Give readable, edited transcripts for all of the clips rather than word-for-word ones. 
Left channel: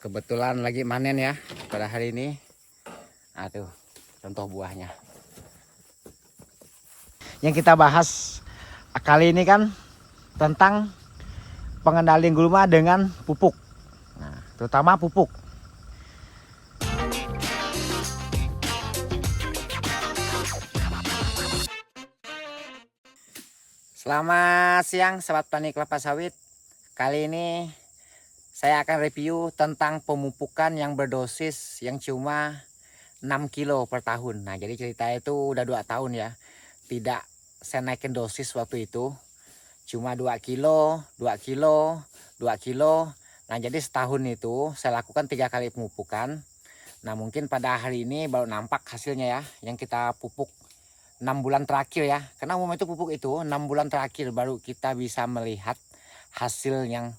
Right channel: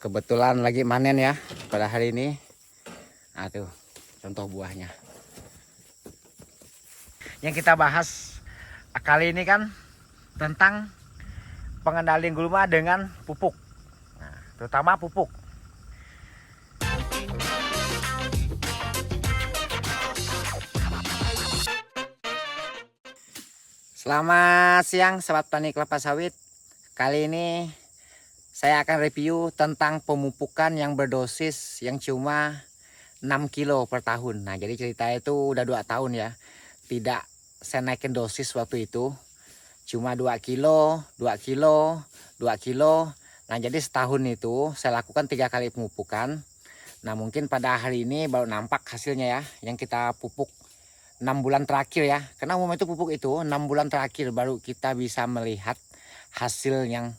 Kebetulan lagi panen ya pada hari ini. Tuh contoh buahnya. Yang kita bahas kali ini kan tentang pengendalian gulma dengan pupuk. Nah, terutama pupuk. Selamat siang sobat petani kelapa sawit. Kali ini saya akan review tentang pemupukan yang berdosis yang cuma 6 kilo per tahun. Nah, jadi ceritanya itu udah 2 tahun ya. Tidak saya naikin dosis waktu itu. Cuma 2 kilo, 2 kilo, 2 kilo. Nah, jadi setahun itu saya lakukan 3 kali pemupukan. Nah, mungkin pada hari ini baru nampak hasilnya ya. Yang kita pupuk 6 bulan terakhir ya. Karena umumnya itu pupuk itu 6 bulan terakhir baru kita bisa melihat hasil yang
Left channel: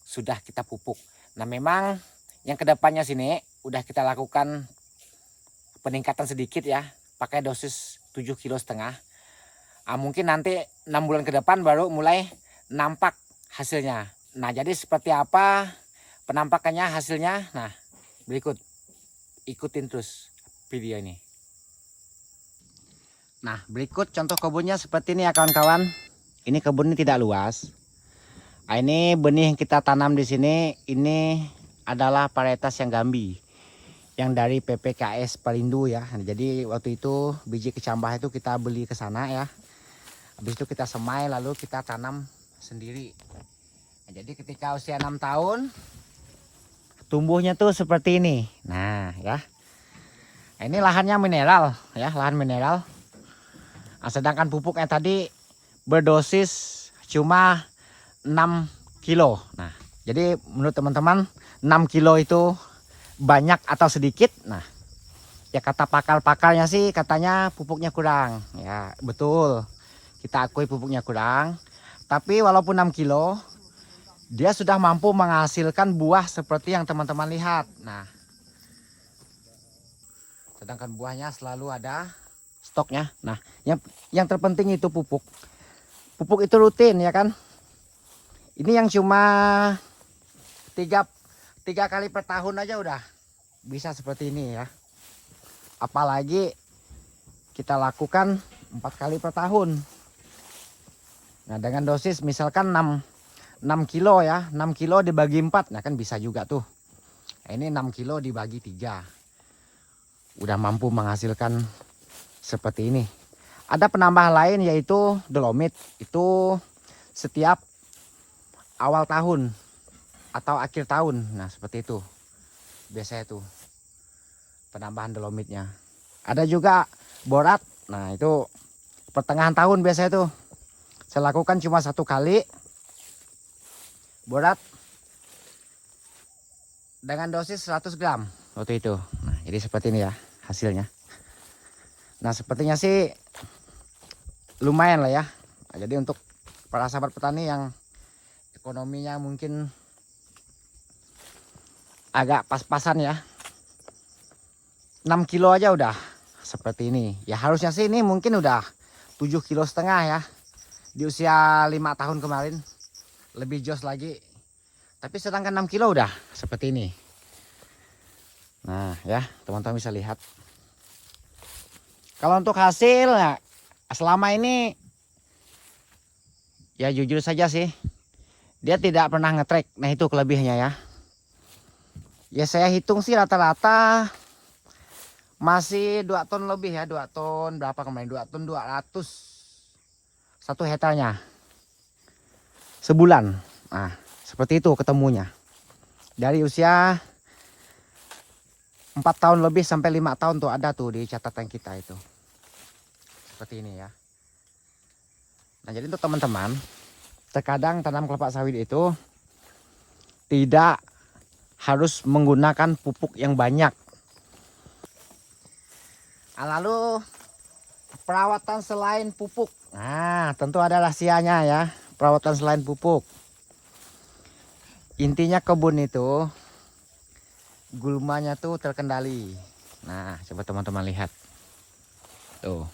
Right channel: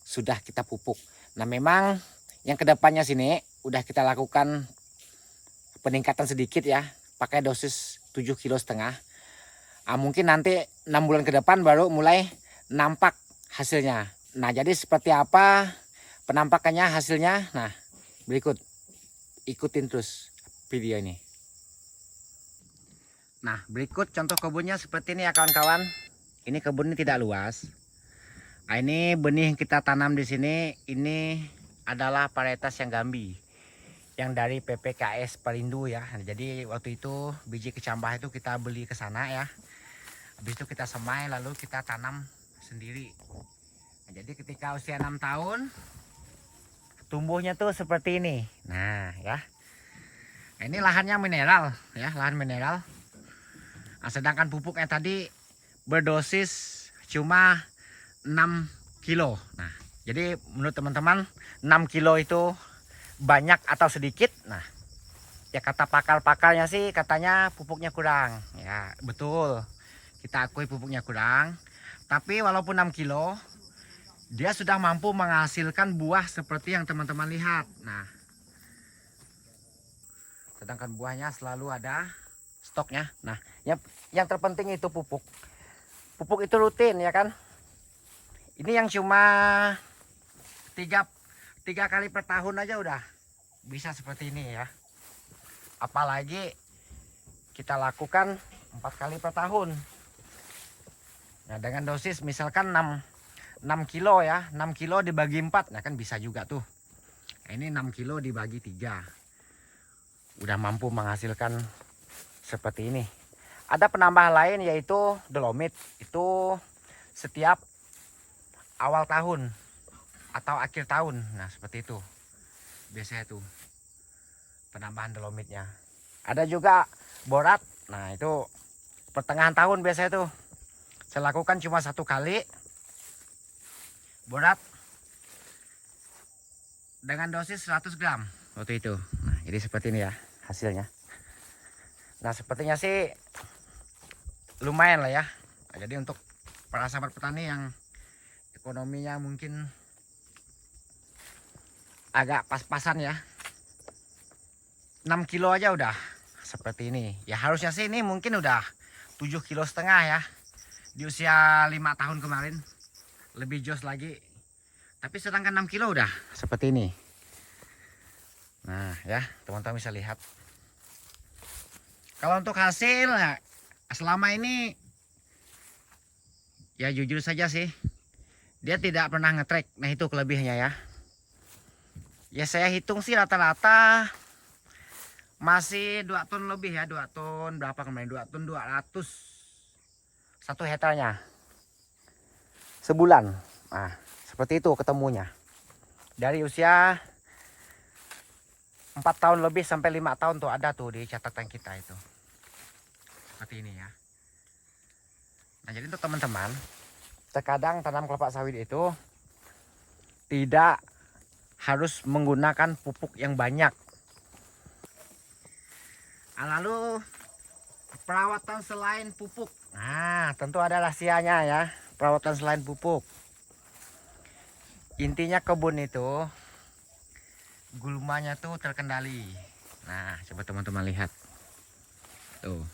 sudah kita pupuk. Nah, memang yang kedepannya sini udah kita lakukan peningkatan sedikit ya, pakai dosis 7,5 kilo. Mungkin nanti 6 bulan ke depan baru mulai nampak hasilnya. Nah, jadi seperti apa penampakannya hasilnya? Nah, berikut ikutin terus video ini. Nah, berikut contoh kebunnya seperti ini ya kawan-kawan. Ini kebun ini tidak luas. Ini benih yang kita tanam di sini ini adalah varietas yang Gambi, yang dari PPKS Perindu ya. Jadi waktu itu biji kecambah itu kita beli ke sana ya. Habis itu kita semai lalu kita tanam sendiri. Nah, jadi ketika usia 6 tahun tumbuhnya tuh seperti ini. Nah ya. Nah, ini lahannya mineral ya, lahan mineral. Nah, sedangkan pupuknya tadi berdosis cuma 6 kilo. Nah, jadi menurut teman-teman 6 kilo itu banyak atau sedikit? Nah, ya kata pakar-pakarnya sih katanya pupuknya kurang. Ya, betul. Kita akui pupuknya kurang. Tapi walaupun 6 kilo, dia sudah mampu menghasilkan buah seperti yang teman-teman lihat. Nah, sedangkan buahnya selalu ada stoknya. Nah, yang terpenting itu pupuk. Pupuk itu rutin ya kan? Ini yang cuma 3 kali per tahun aja udah bisa seperti ini ya. Apalagi kita lakukan 4 kali per tahun. Nah, dengan dosis misalkan 6 kilo ya. 6 kilo dibagi 4. Nah, kan bisa juga tuh. Nah, ini 6 kilo dibagi 3. Udah mampu menghasilkan seperti ini. Ada penambahan lain yaitu dolomit. Itu setiap awal tahun atau akhir tahun. Nah, seperti itu biasanya tuh penambahan dolomitnya. Ada juga borat. Nah, itu pertengahan tahun biasanya tuh saya lakukan cuma 1 kali borat dengan dosis 100 gram waktu itu. Nah, jadi seperti ini ya hasilnya. Nah, sepertinya sih lumayan lah ya. Nah, jadi untuk para sahabat petani yang ekonominya mungkin agak pas-pasan ya, 6 kilo aja udah seperti ini ya. Harusnya sih ini mungkin udah 7,5 kilo ya di usia 5 tahun kemarin, lebih jos lagi. Tapi sedangkan 6 kilo udah seperti ini. Nah ya, teman-teman bisa lihat. Kalau untuk hasil ya, selama ini ya jujur saja sih dia tidak pernah ngetrek. Nah, itu kelebihannya ya. Ya saya hitung sih rata-rata masih 2 ton lebih ya. 2 ton berapa kemarin? 2 ton 200 1 hektarnya sebulan. Nah, seperti itu ketemunya. Dari usia 4 tahun lebih sampai 5 tahun tuh ada tuh di catatan kita itu. Seperti ini ya. Nah, jadi untuk teman-teman, terkadang tanam kelapa sawit itu tidak harus menggunakan pupuk yang banyak. Lalu perawatan selain pupuk. Nah, tentu ada rahasianya ya. Perawatan selain pupuk. Intinya kebun itu gulmanya tuh terkendali. Nah, coba teman-teman lihat. Tuh.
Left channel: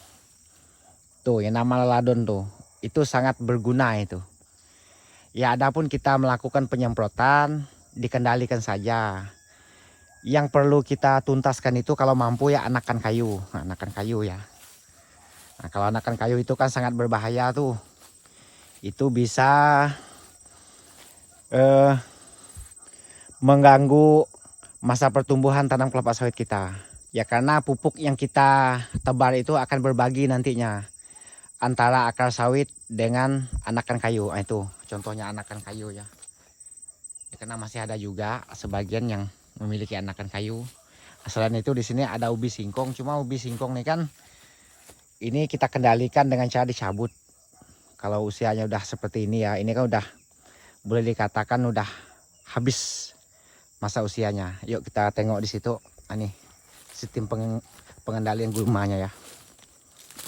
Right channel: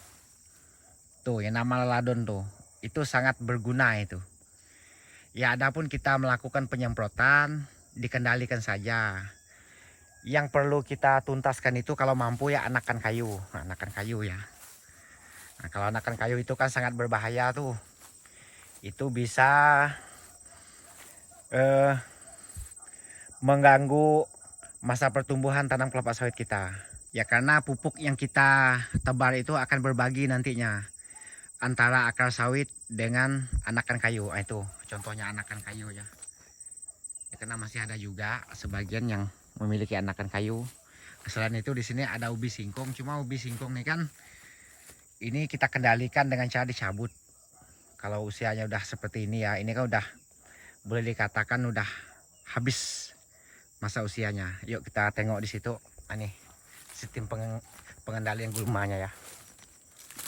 Tuh, yang nama leladon tuh. Itu sangat berguna itu. Ya, adapun kita melakukan penyemprotan dikendalikan saja. Yang perlu kita tuntaskan itu kalau mampu ya anakan kayu. Nah, anakan kayu ya. Nah, kalau anakan kayu itu kan sangat berbahaya tuh. Itu bisa mengganggu masa pertumbuhan tanam kelapa sawit kita. Ya karena pupuk yang kita tebar itu akan berbagi nantinya antara akar sawit dengan anakan kayu. Nah, itu contohnya anakan kayu ya. Ya, karena masih ada juga sebagian yang memiliki anakan kayu. Selain itu di sini ada ubi singkong. Cuma ubi singkong nih kan ini kita kendalikan dengan cara dicabut. Kalau usianya udah seperti ini ya, ini kan udah boleh dikatakan udah habis masa usianya. Yuk kita tengok di situ. Ini sistem pengendalian gulmanya ya.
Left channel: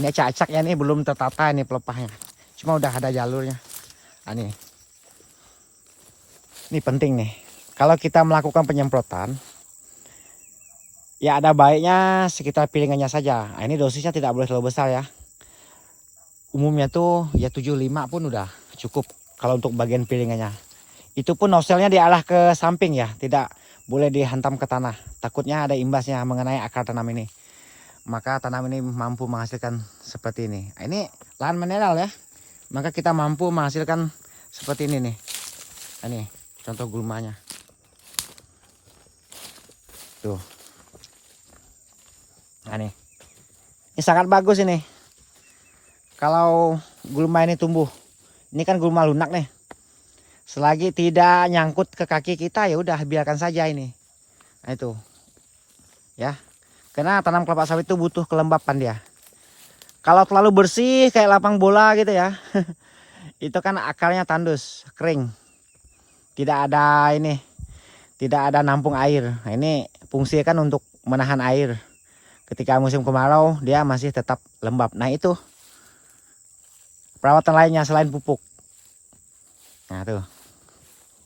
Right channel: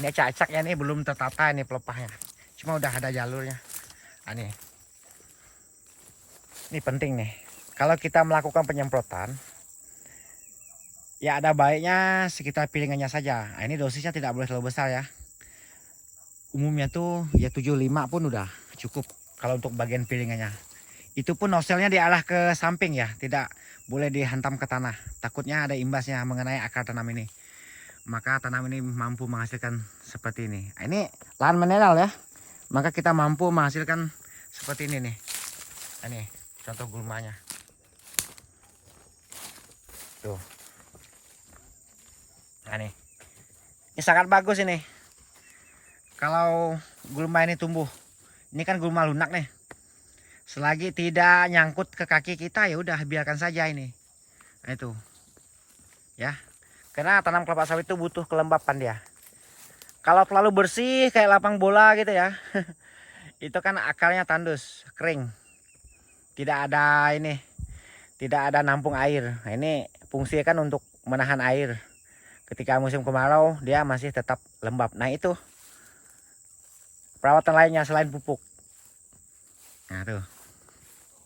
Ini acak-acaknya nih belum tertata nih pelepahnya. Cuma udah ada jalurnya. Ini penting nih. Kalau kita melakukan penyemprotan, ya ada baiknya sekitar piringannya saja. Nah, ini dosisnya tidak boleh terlalu besar ya. Umumnya tuh ya 75 pun udah cukup kalau untuk bagian piringannya. Itu pun noselnya diarah ke samping ya, tidak boleh dihantam ke tanah. Takutnya ada imbasnya mengenai akar tanam ini. Maka tanam ini mampu menghasilkan seperti ini. Nah, ini lahan mineral ya. Maka kita mampu menghasilkan seperti ini nih. Ini contoh gulmanya. Tuh. Nah, ini sangat bagus ini. Kalau gulma ini tumbuh. Ini kan gulma lunak nih. Selagi tidak nyangkut ke kaki kita ya udah biarkan saja ini. Nah itu. Ya. Karena tanam kelapa sawit itu butuh kelembapan dia. Kalau terlalu bersih kayak lapang bola gitu ya. Itu kan akarnya tandus, kering. Tidak ada ini. Tidak ada nampung air. Nah, ini fungsinya kan untuk menahan air. Ketika musim kemarau dia masih tetap lembab. Nah itu perawatan lainnya selain pupuk. Nah tuh.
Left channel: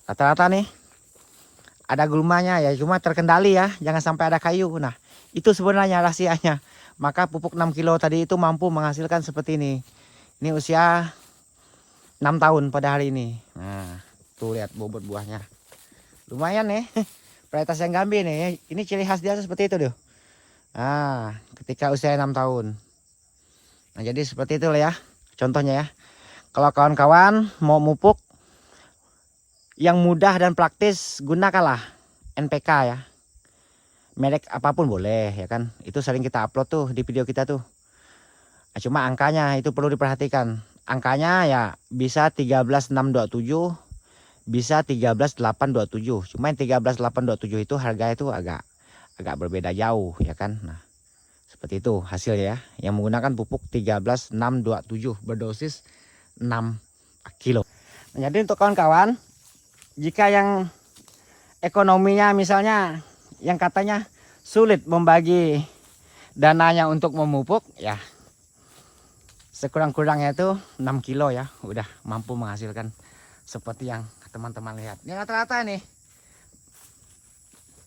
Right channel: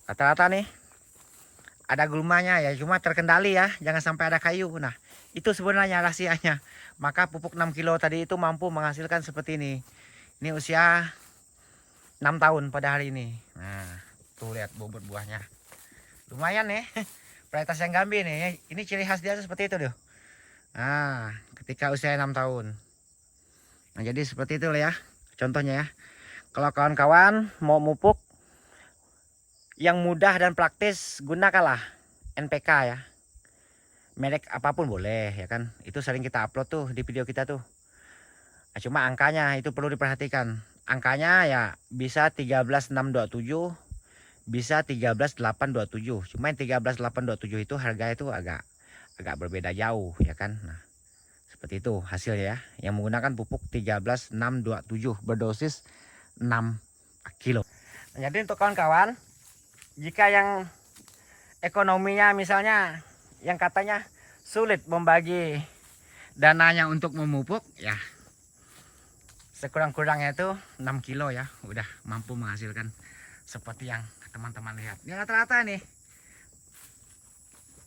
Rata-rata nih ada gulmanya ya. Cuma terkendali ya. Jangan sampai ada kayu. Nah itu sebenarnya rahasianya. Maka pupuk 6 kilo tadi itu mampu menghasilkan seperti ini. Ini usia 6 tahun pada hari ini. Nah tuh lihat bobot buahnya. Lumayan nih. Varietas yang gambi nih. Ini ciri khas dia seperti itu tuh. Nah, ketika usia 6 tahun. Nah, jadi seperti itu lah ya. Contohnya ya. Kalau kawan-kawan mau mupuk yang mudah dan praktis, gunakanlah NPK ya. Merek apapun boleh ya kan. Itu sering kita upload tuh di video kita tuh. Nah, cuma angkanya itu perlu diperhatikan. Angkanya ya bisa 13627. Bisa 13827. Cuma yang 13827 itu harganya itu agak berbeda jauh ya kan. Nah, seperti itu hasilnya ya. Yang menggunakan pupuk 13627 berdosis 6 kilo. Nah, jadi untuk kawan-kawan, jika yang ekonominya misalnya yang katanya sulit membagi dananya untuk memupuk ya, sekurang-kurangnya itu 6 kilo ya udah mampu menghasilkan seperti yang teman-teman lihat. Ini rata-rata nih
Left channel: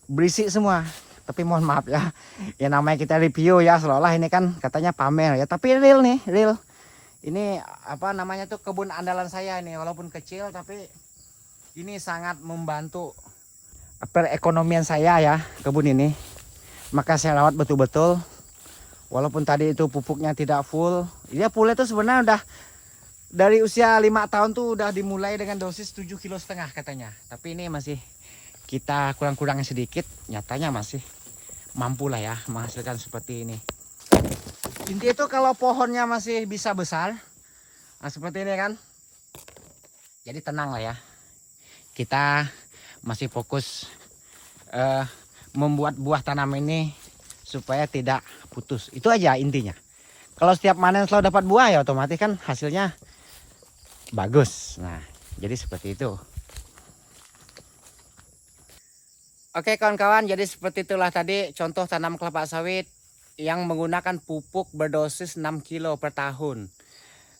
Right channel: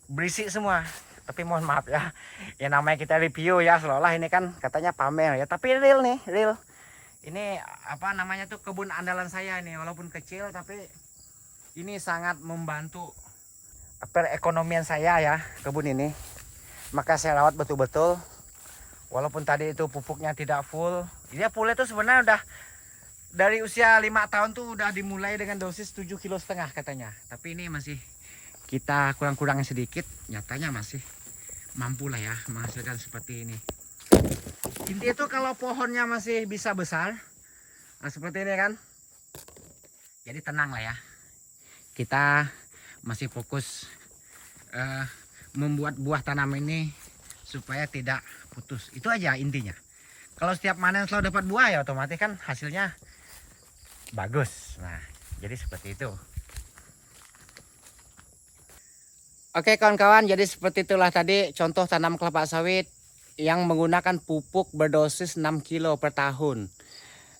berisik semua. Tapi mohon maaf ya. Ya namanya kita review ya, seolah ini kan katanya pamer ya. Tapi real nih, real. Ini apa namanya tuh kebun andalan saya nih. Walaupun kecil tapi ini sangat membantu perekonomian saya ya, kebun ini. Maka saya rawat betul-betul. Walaupun tadi itu pupuknya tidak full. Ya fullnya tuh sebenarnya udah dari usia 5 tahun tuh udah dimulai dengan dosis 7,5 kilo katanya. Tapi ini masih kita kurang-kurangnya sedikit. Nyatanya masih mampu lah ya menghasilkan seperti ini. Inti itu kalau pohonnya masih bisa besar, nah seperti ini kan. Jadi tenang lah ya. Kita masih fokus membuat buah tanam ini supaya tidak putus. Itu aja intinya. Kalau setiap panen selalu dapat buah ya otomatis kan hasilnya bagus. Nah, jadi seperti itu. Oke kawan-kawan, jadi seperti itulah tadi contoh tanam kelapa sawit yang menggunakan pupuk berdosis 6 kilo per tahun.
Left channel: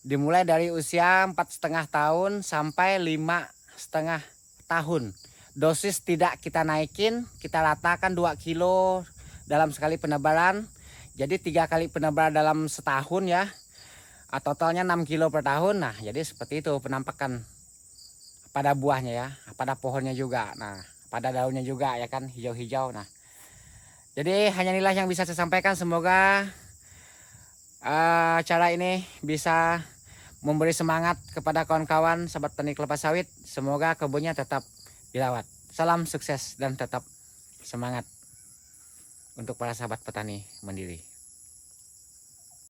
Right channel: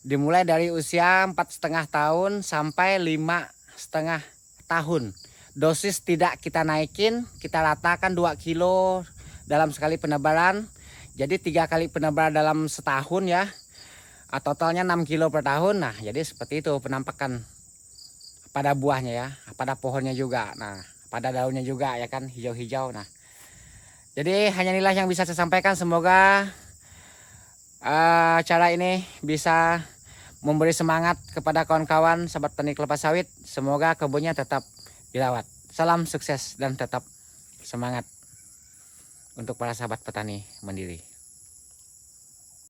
Dimulai dari usia 4,5 tahun sampai 5,5 tahun. Dosis tidak kita naikin, kita ratakan 2 kilo dalam sekali penebaran. Jadi 3 kali penebaran dalam setahun ya. Totalnya 6 kilo per tahun. Nah jadi seperti itu penampakan pada buahnya ya, pada pohonnya juga. Nah pada daunnya juga ya kan, hijau-hijau. Nah, jadi hanya inilah yang bisa saya sampaikan. Semoga cara ini bisa memberi semangat kepada kawan-kawan sahabat petani kelapa sawit. Semoga kebunnya tetap dirawat. Salam sukses dan tetap semangat untuk para sahabat petani mandiri.